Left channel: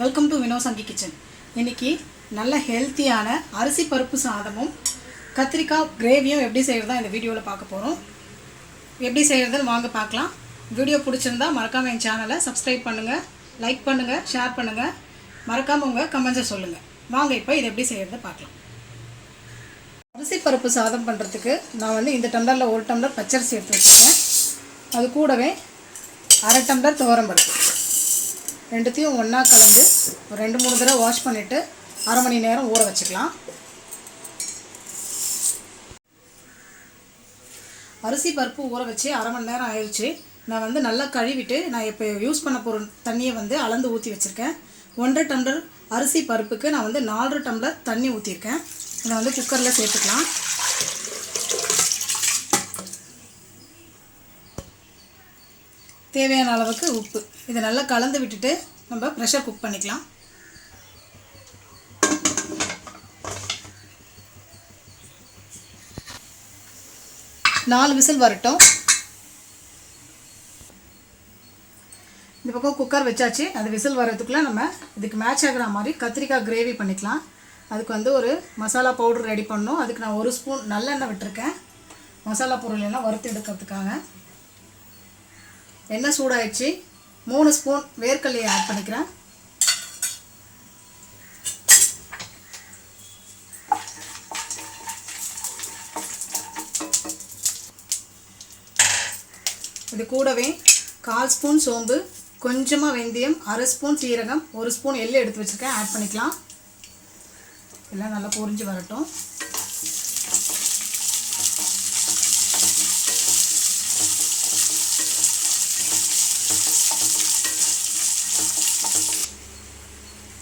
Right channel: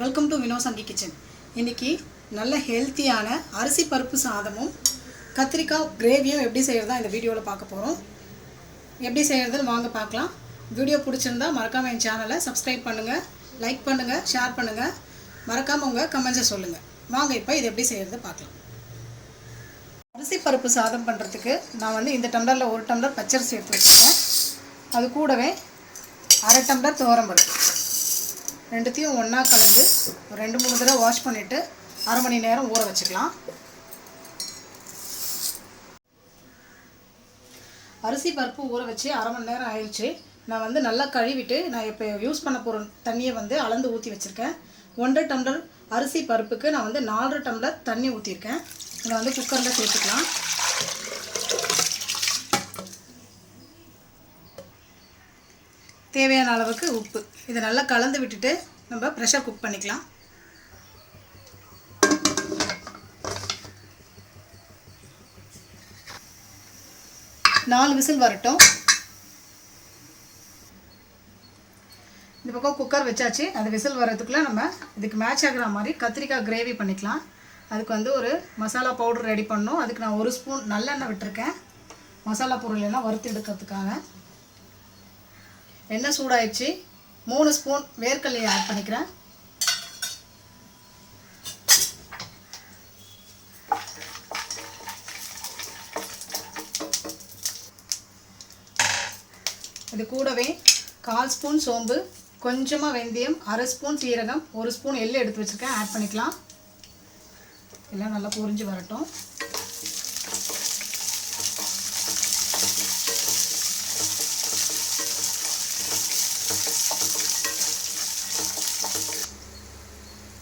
Welcome to வினோசந்தி kitchen இன்னைக்கு நல்ல ஹெல்த்தியான அரிசி பருப்பு சாதமும் கத்திரிக்காய் கிரேவியும் எப்படி செய்கிறதா இந்த வீடியோவில் பார்க்க போகிறோம் எப்படி செய்கிறதுன்னு வாங்க பார்க்கலாம். வீடியோ பிடிச்சிருந்தா மறக்காமல் என் சேனலை சப்ஸ்கிரைப் பண்ணுங்கள் லைக் பண்ணுங்கள் ஷேர் பண்ணுங்கள் மறக்காமல் உங்கள் கமெண்ட்ஸை சொல்லுங்கள் வாங்க இப்போ இதை எப்படி செய்கிறத பார்க்கலாம். அரிசி பருப்பு சாதம் பண்ணுறதுக்கு நான் வந்து இந்த டம்ளரில் ஒரு டம்ளர் பச்சரிசி எடுத்து வச்சுருக்கேன். அது கூடவே அரை டம்ளர் துவரம்பருப்பு ரெண்டுத்தையும் ஒன்றா கலந்து ஒரு ரெண்டு மூணு தடவை வாஷ் பண்ணிவிட்டு அரை மணி நேரம் ஊற வச்சுக்கலாம். அரிசி பருப்பு ஊற வச்சு அரை மணி நேரம் ஆயிடுச்சு நான் வந்து நல்லா கழுவிட்டு நான் இப்போ யூஸ் பண்ண போகிற தண்ணியை வந்து அளந்து ஊற்றி வச்சுருக்கேன். ஒன்றரை டம்ளர் அரிசி பருப்புக்கு நான் வந்து நாலரை டம்ளர் தண்ணி ஊற்றிருக்கேன் இதை வந்து குக்கரில் சேர்த்துக்கலாம். தேவையான அளவுக்கு உப்பு. இதை நல்லா கலந்து விட்டுட்டு நம்ம ப்ரெஷர் குக் பண்ணிக்கலாம். நாலு விசில் வரட்டும். இந்த பக்கம் குக்கர் வச்சாச்சு. அந்த விசில் வர்றதுக்குள்ளே நம்ம இதுக்கு மேட்ச் ஆகிற மாதிரி கத்திரிக்காய் கிரேவி பண்ணிக்கலாம். அதுக்கு வந்து ஒரு மசாலா பவுடர் ரெடி பண்ணணும். அதுக்கு நான் ஒரு ஸ்பூன் நல்லெண்ணெய் விட்டுருக்கேன். மசாலா பொருள் எல்லாம் வறுத்து எடுக்கிறதுக்காக. எண்ணெய் சூடாயிடுச்சு. மூணு ஸ்பூன் வேர்க்கல்லையை ஆட் பண்ணிக்கிறேன். இது கூடவே கால் ஸ்பூன் சோம்பு கொஞ்சமாக வெந்தயம் அரை ஸ்பூன் சீரகம் ஒரு ஸ்பூன் எள்ளு எடுத்து வச்சுருக்கேன். ஆட் பண்ணிக்கலாம். எல்லாம் நல்லா பொரிஞ்சு வரட்டும்.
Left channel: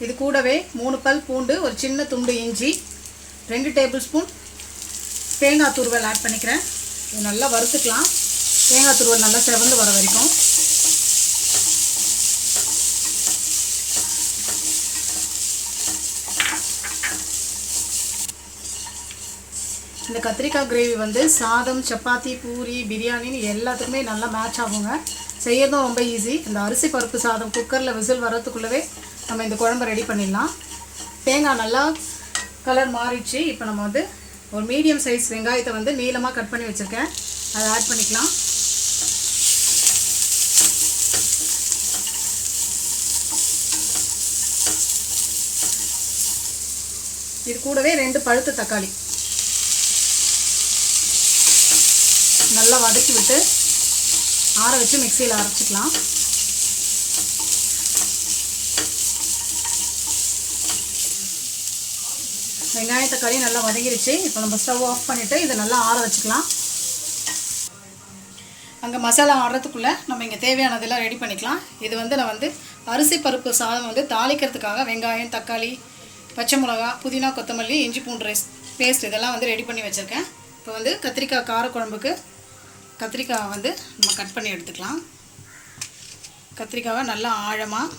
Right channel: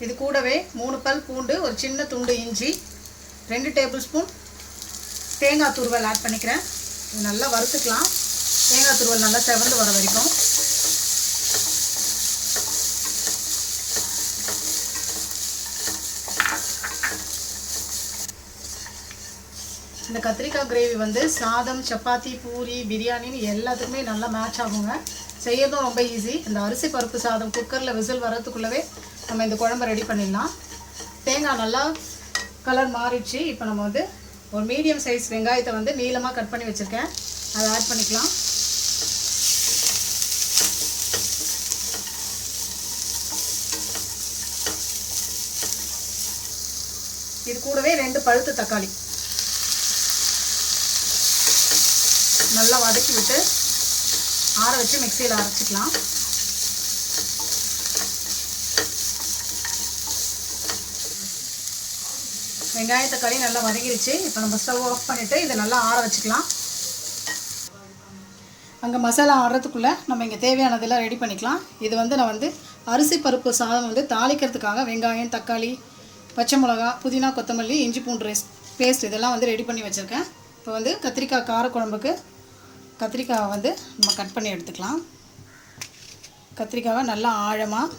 இது கூடவே மூணு பல் பூண்டு ஒரு சின்ன துண்டு இஞ்சி ரெண்டு டேபிள் ஸ்பூன் தேங்காய் துருவல் ஆட் பண்ணிக்கிறேன். இது நல்லா வறுத்துக்கலாம். தேங்காய் துருவல் நல்லா செவந்து வர வரைக்கும். இந்த கத்திரிக்காய் கிரேவி வந்து சாதம் சப்பாத்தி பூரி பிரியாணின்னு எல்லாத்துக்குமே நல்லா மேட்ச் ஆகுங்க. செய்யறதும் ரொம்ப ஈஸி இந்த அரிசி பருப்பு சாதம் குக்கரில் விசில் வர்றதுக்குள்ளவே நம்ம இந்த குழம்பு ரெடி பண்ணிடலாம். தேங்காய் நல்லா கலர் மாறிடுச்சு. இப்போ நம்ம வந்து ஒரு மீடியம் சைஸ் வெங்காயத்தை வந்து நீளமாக கட் பண்ணி வச்சுருக்கேன். அதை ஆட் பண்ணிக்கலாம். இது கூடவே ரெண்டு பழுத்த தக்காளி. நல்லா வதக்கி விட்டு ஆற வச்சு மிக்சியில் அரைச்சிக்கலாம். வெங்காய தக்காளி நல்லா வதங்கிருச்சு. இப்போ நம்ம ஸ்டவ் ஆஃப் பண்ணிவிட்டு இதை நல்லா ஆற வச்சுக்கலாம். அங்கே மசாலா ஆடுறதுக்குள்ளே நம்ம இங்கே தேவையானதெல்லாம் ரெடி பண்ணிக்கலாம். இது வந்து நான் வந்து அரிசி பருப்பு சாதம் வந்து தாளிக்கிறதுக்காக வெங்காயம் தக்காளி பச்சை மிளகா புதினா கொத்தமல்லி இஞ்சி பூண்டு ரைஸ் பேஸ்ட் இதெல்லாம் வந்து ரெடி பண்ணி வச்சுருக்கேன். இப்போ வந்து கத்திரிக்காய் காரக்குழம்புக்கு கத்திரிக்காவை வந்து நம்ம கட் பண்ணி எடுத்துக்கலாம். கத்திரிக்காவை நல்லா ஆழமாக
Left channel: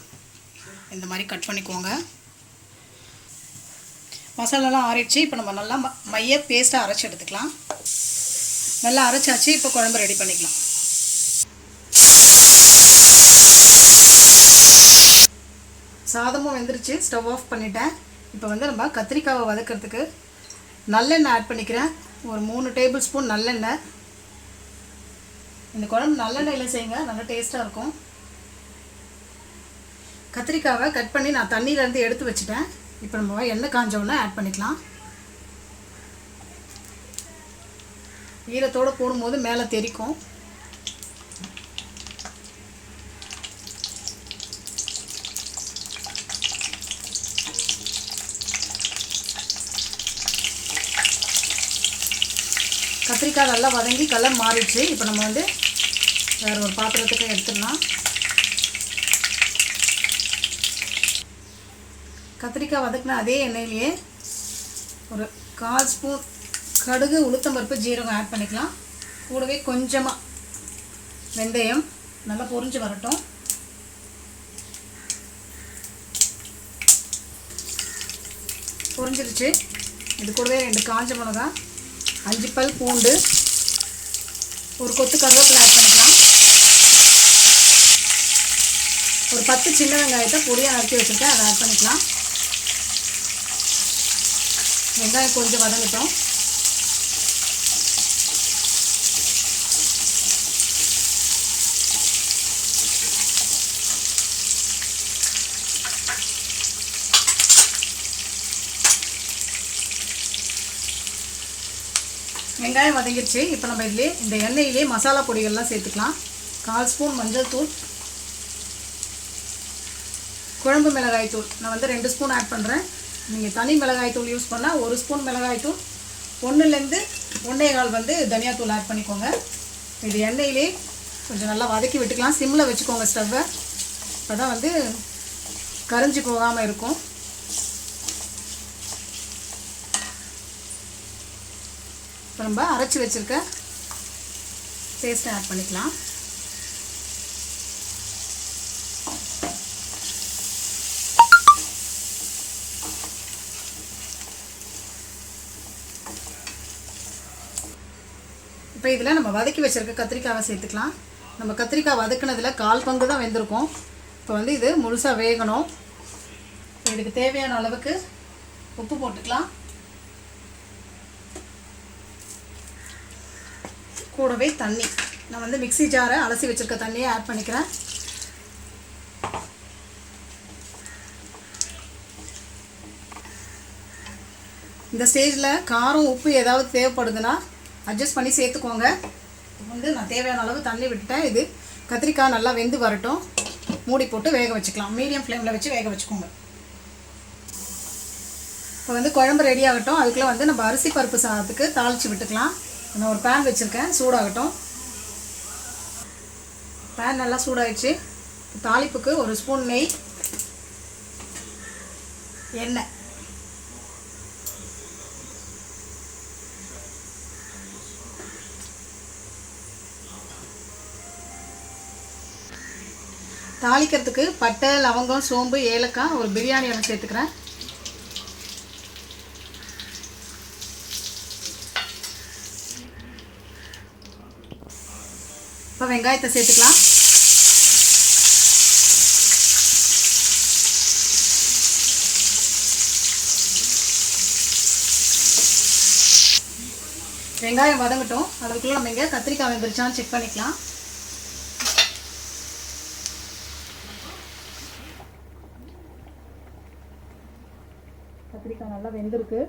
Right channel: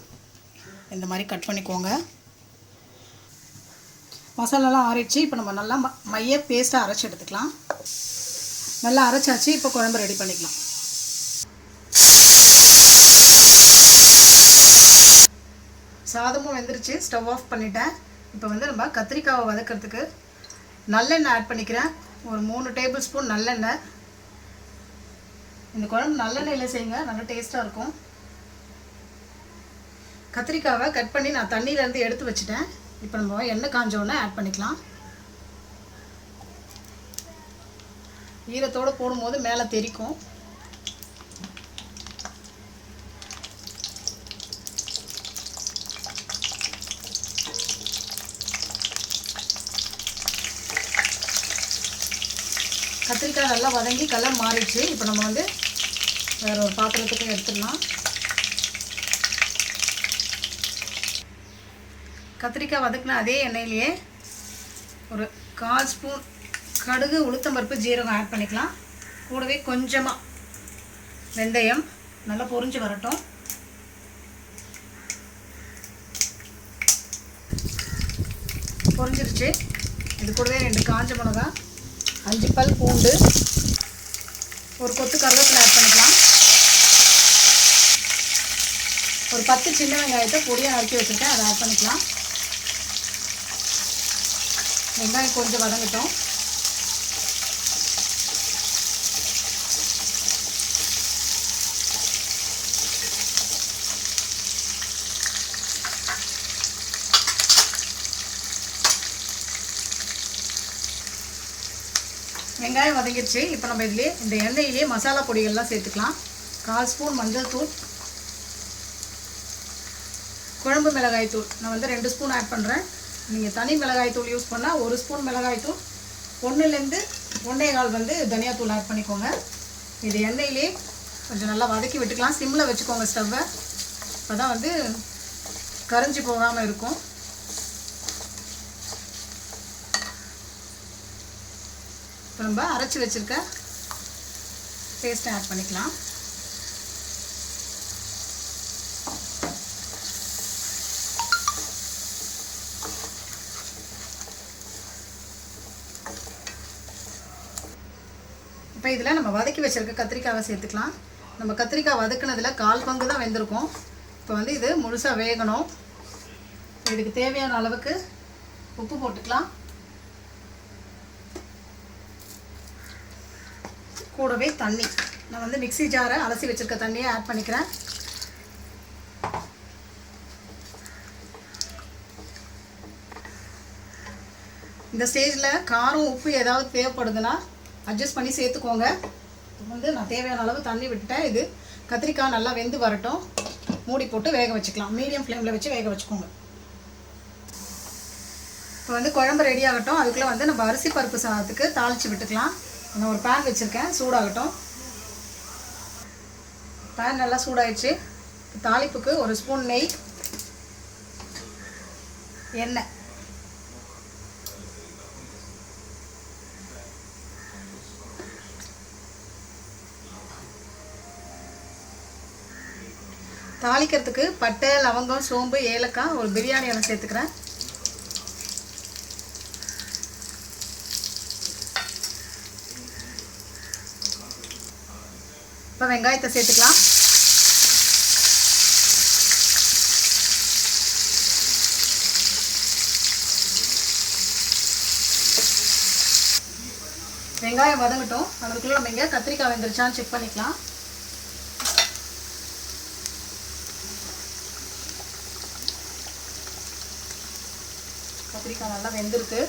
இந்த மாதிரி கட் பண்ணிக்கோங்க. மசாலாலாம் ஆறிடுச்சு. இப்போ நம்ம நல்லா ம மைய பேஸ்ட்டாக அரைச்சி எடுத்துக்கலாம். நல்லா அரைச்சாச்சு. இப்போ குழம்பு ரெடி பண்ணிக்கலாம். சாதமும் வெந்துருச்சு. ஸ்டவ் ஆஃப் பண்ணிட்டேன். இப்போ வந்து நம்ம கத்திரிக்காவை வதக்கிறதுக்கு நல்லெண்ணெய் ஆட் பண்ணிக்கிறேன். ஒரு மூணு டேபிள் ஸ்பூன் நல்லெண்ணெய். இந்த குழம்பு நல்லெண்ணெயில் செய்யுங்க நல்லா டேஸ்ட்டாக இருக்கும். கத்திரிக்காவை கட் பண்ணி நான் தண்ணியிலேருந்து எடுத்து வச்சுட்டேன். இப்போ நம்ம எண்ணெய் காஞ்சோடனே ஆட் பண்ணிக்கலாம். ஈரத்தோடு போடும்போது மேலே தெரிக்கும். கத்திரிக்காய் நல்லா வதங்கி கலர் மாறிடுச்சு. இப்போ நம்ம வந்து வேறு ஒரு பாத்திரத்துக்கு எடுத்துடலாம். கத்திரிக்காய் வதக்கின அதே எண்ணெயிலேயே ஒரு கால் ஸ்பூன் கடுகு உளுத்தம்பருப்பு ஜீரகம் ஆட் பண்ணிக்கலாம். கூடவே கொஞ்சமாக வெந்தயம் நல்லா பொறிஞ்சு வரட்டும். பொறிஞ்சிருச்சு இது கூடவே ரெண்டு காஞ்ச மிளகா அஞ்சு பல் பூண்டு ஒரு கொத்து கருவேப்பிலை ஆட் பண்ணி ஒரு பத்து சின்ன வெங்காயத்தை பொடியாக நறுக்கி வச்சுருக்கேன் அதை ஆட் பண்ணிக்கலாம். வெங்காயம் கொஞ்சம் வதங்கிட்டோம். வெங்காயம் வதங்கிடுச்சு. இப்போ நம்ம இதிலே இந்த எண்ணெயிலே மசாலா பொடிகள்லாம் சேர்த்துக்கலாம். கால் ஸ்பூன் மஞ்சள் தூள் குழம்பு மிளகாய் தூள். நான் வந்து ரெண்டு ஸ்பூன் ஆட் பண்ணுறேன் நீங்கள் தனி மிளகாய் தூள் யூஸ் பண்ணால் ஒரு ஸ்பூன் மிளகாய் தூள். ஒன்றுலேருந்து ஒன்றே கால் வந்து தனியாத்தூள் ஆட் பண்ணிக்கோங்க. இது எண்ணெயிலே கொஞ்சம் நல்லா வதக்கி விட்டுக்கலாம். சிம்மில் வச்சுக்கோங்க ஸ்டவ்வை அப்போ தான் வந்து கரைஞ்சி போகாமல் இருக்கும். இப்போ நம்ம அரைச்சி வச்சுருக்க பேஸ்ட்டை ஆட் பண்ணிக்கலாம். இப்போ இதில் நம்ம வதக்கி வச்சுருக்க கத்திரிக்காவை சேர்த்துக்கலாம். நம்ம கத்திரிக்காய் வதக்குனதில் கால் பங்கு தான் வெந்திருக்கும். இப்போ வந்து இது முழுசாக வேகணும். இதுக்கு தேவையான அளவுக்கு உப்பு போட்டுக்கலாம். கூடவே தண்ணி. நான் வந்து மிக்ஸி ஜாரை அலசி வச்சுருக்க தண்ணியை ஆட் பண்ணிக்கிறேன். இந்த ஸ்டேஜில் காரம் உப்பு ஏதாவது தேவைப்படுதுன்னா அட்ஜஸ்ட் பண்ணி சேர்த்துக்கோங்க. இப்போ வந்து நான் தேவையான அளவு தண்ணி விட்டுட்டேன். இது கத்திரிக்காய் நல்லா வெந்து வரட்டும். மூடி போட்டு வேக வச்சுக்கலாம். மீடியம் ஃப்ளேமில் வச்சு வேக வச்சுக்கோங்க. இப்போ வந்து குழம்பு ரெடி ஆகட்டும். அதுக்குள்ளே வந்து நம்ம அரிசி பருப்பு சாதத்துக்கு தாளித்து விட்டுக்கலாம். நான் ஒரு பேன் வச்சுருக்கேன். சூடாகட்டும். பேன் நல்லா சூடாயிடுச்சு. தாளிப்புக்கு ஒரு ஸ்பூன் நெய் எண்ணெய். தாளிக்கிறதுக்கு பட்டை லவங்கம் சோம்பு ஏலக்காய் ஒரு பிரியாணி ஒன்று சேர்த்துக்கிறேன். இப்போ வெங்காயத்தை சேர்த்துக்கலாம். வெங்காயம் வதங்கட்டும். அதுக்குள்ளே நம்ம இங்கே கத்திரிக்காய் வெந்துருச்சான்னு செக் பண்ணிக்கலாம். கத்திரிக்காய் நல்லா வெந்திருக்கு.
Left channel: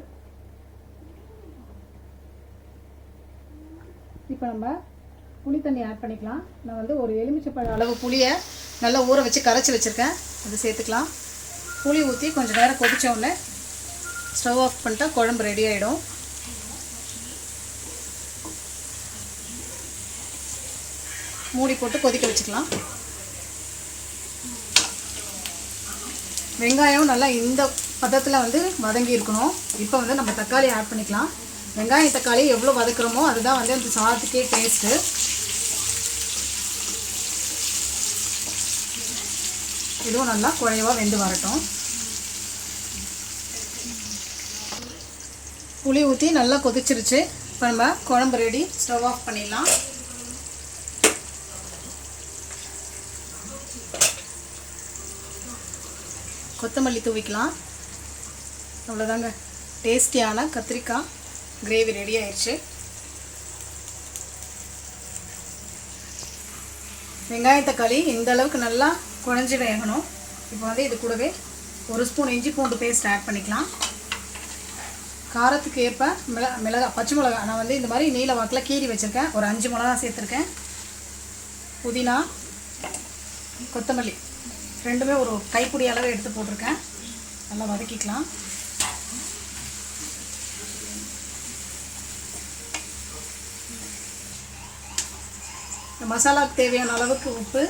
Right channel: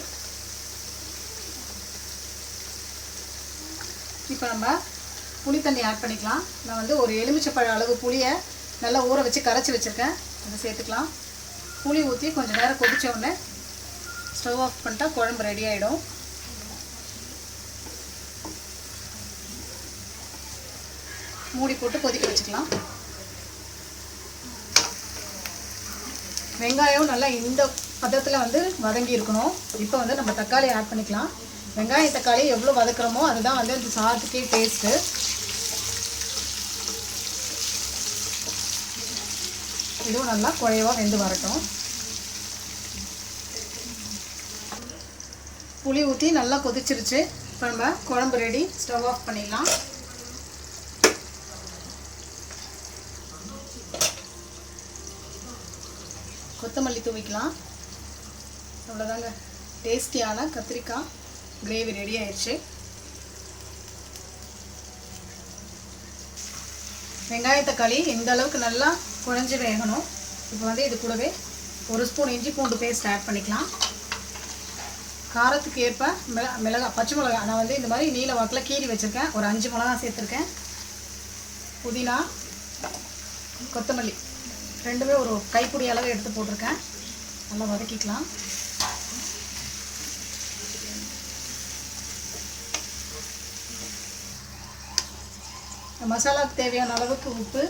இப்போ நம்ம புளி தண்ணி ஆட் பண்ணிக்கலாம். நான் வந்து ஒரு எலுமிச்சப்பழ அளவு புளியை நல்லா ஊற வச்சு கரைச்சி வச்சுருக்கேன். அதை சேர்த்துக்கலாம். புளி ஊற்றி கொஞ்சம் நேரம் கொதிச்ச உடனே ஸ்டவ் ஆஃப் பண்ணிட்டா குழம்பு ரெடி ஆகிடும் மூடி போட்டு கொதிக்க வச்சுக்கலாம். வெங்காயம் நல்லா இந்த பதத்தில் வந்து வதங்கி இருக்கணும். இப்போ வந்து நம்ம தக்காளி ஆட் பண்ணிக்கலாம். வெங்காயம் தக்காளி எவ்வளோ வதக்குறோமோ அதுதான் வந்து அந்த சாதத்துக்கே டேஸ்ட்டு இதுவும் நல்லா குழைவாக வெந்து வரட்டும். புளி ஊற்றி நல்லா கொதிச்சிருச்சு. இப்போ நம்ம குழம்பு ரெடி ஸ்டவ் ஆஃப் பண்ணிடலாம். கொத்தமல்லி தூவிக்கலாம். அவ்வளோதாங்க டேஸ்டியான கத்திரிக்காய் கிரேவி ரெடி ஆயிடுச்சு. வெங்காய தக்காளி இந்த அளவுக்கு நல்லா குழஞ்சி வேகணும். இப்போ வந்து இது கூடவே ஒரு ஸ்பூன் இஞ்சி பூண்டு பேஸ்ட் ஆட் பண்ணிக்கலாம். காரத்துக்கு ஏற்ப மிள மிளகா பச்சை மிளகா. நான் வந்து இந்த மாதிரி நீல வாக்கில் கீறி வச்சுருக்கேன். ஒரு அஞ்சு மிளகா சேர்த்துருக்கேன். புதினா கொத்தமல்லி. ரெண்டுமே ஒரு கைப்பிடி அளவு எடுத்து போட்டிருக்கேன். நல்லா வதக்கிக்கலாம். மசாலாவுக்கு தேவையான அளவுக்கு உப்பு.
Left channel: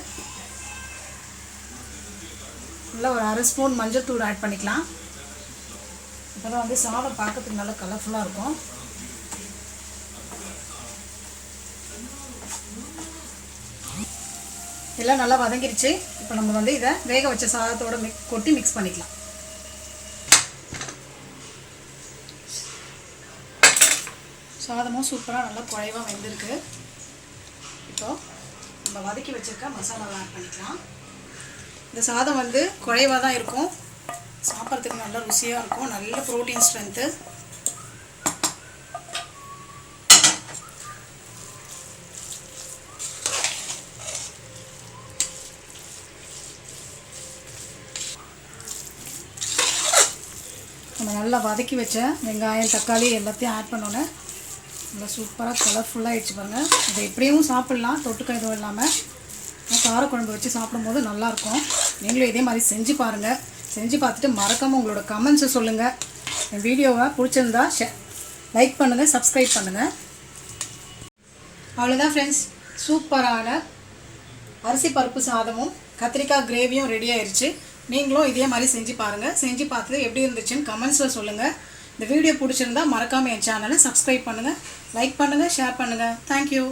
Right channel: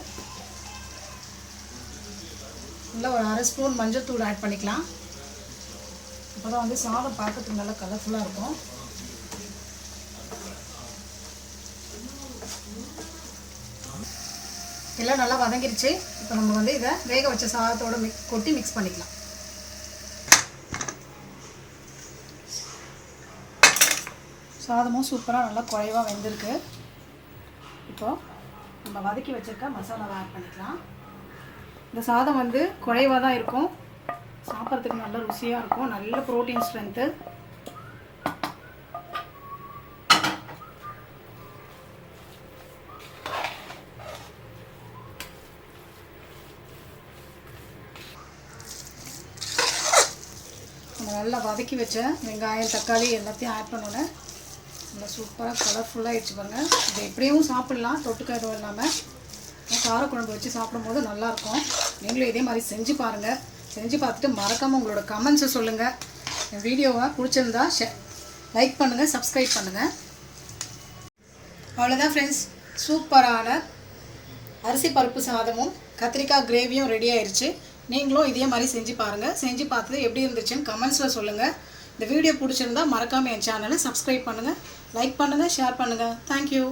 நல்லா ஒரு அரை ஸ்பூன் மஞ்சள் தூள் ஆட் பண்ணிக்கலாம். அப்போ தான் வந்து சாதம் பார்க்கறதுக்கு நல்லா கலர்ஃபுல்லாக இருக்கும். எல்லாம் நல்லா வதங்கிருச்சு. இப்போ நம்ம வந்து இதை வேக வச்ச சாதத்தோட மிக் கொட்டி மிக்ஸ் பண்ணிக்கலாம். சாதமும் சூப்பராக நல்லா குழைவாக வெந்திருக்கு. இப்போது நம்ம வதக்கி வச்சுருக்க மசாலாவை ஆட் பண்ணிக்கலாம். இந்த சாதம் வந்து குறைவாக தான் இருக்கும். சாப்பிட்றதுக்கு நல்ல ருசியாக இருக்கும். நல்ல ப்ரோட்டீன் ஸ்ட்ரென்த்து நம்ம நல்லா வதக்கி வச்ச வெங்காயம் தக்காளி எல்லாத்தையும் ஆட் பண்ணோன்னே நல்லா சூப்பராக கலர்ஃபுல்லாக ஆயிடுச்சு பாருங்கள் இதை எப்படியும் சாப்பிட்லாம் தொட்டுக்க எதுவும் இல்லாமல் காரக்குழம்பு வச்சு சாப்பிடும்போது நல்லாயிருக்கும். நீங்களும் இதே மாதிரி செஞ்சு பாருங்கள் செஞ்சு பார்த்துட்டு மறக்காமல் உங்களோட கமெண்ட்ஸை சொல்லுங்கள் என் வீடியோவை பிடிச்சிருந்தா ஷே லைக் பண்ணுங்கள் சப்ஸ்கிரைப் பண்ணுங்கள் அவ்வளோதான் ஃப்ரெண்ட்ஸ் சூப்பரான அரிசி பருப்பு சாதமும் கத்திரிக்காய் கிரேவியும் ரெடி ஆயிடுச்சு நீங்களும் இதே மாதிரி செஞ்சு பாருங்கள் செஞ்சு பார்த்துட்டு எப்படி இருந்துச்சுன்னு கமெண்ட்ஸில் சொல்லுங்கள் இந்த வீடியோ பிடிச்சிருந்தா மறக்காமல் என் சேனலை சப்ஸ்கிரைப் பண்ணுங்கள் லைக் பண்ணுங்கள் ஷேர் பண்ணுங்கள் தேங்க்யூ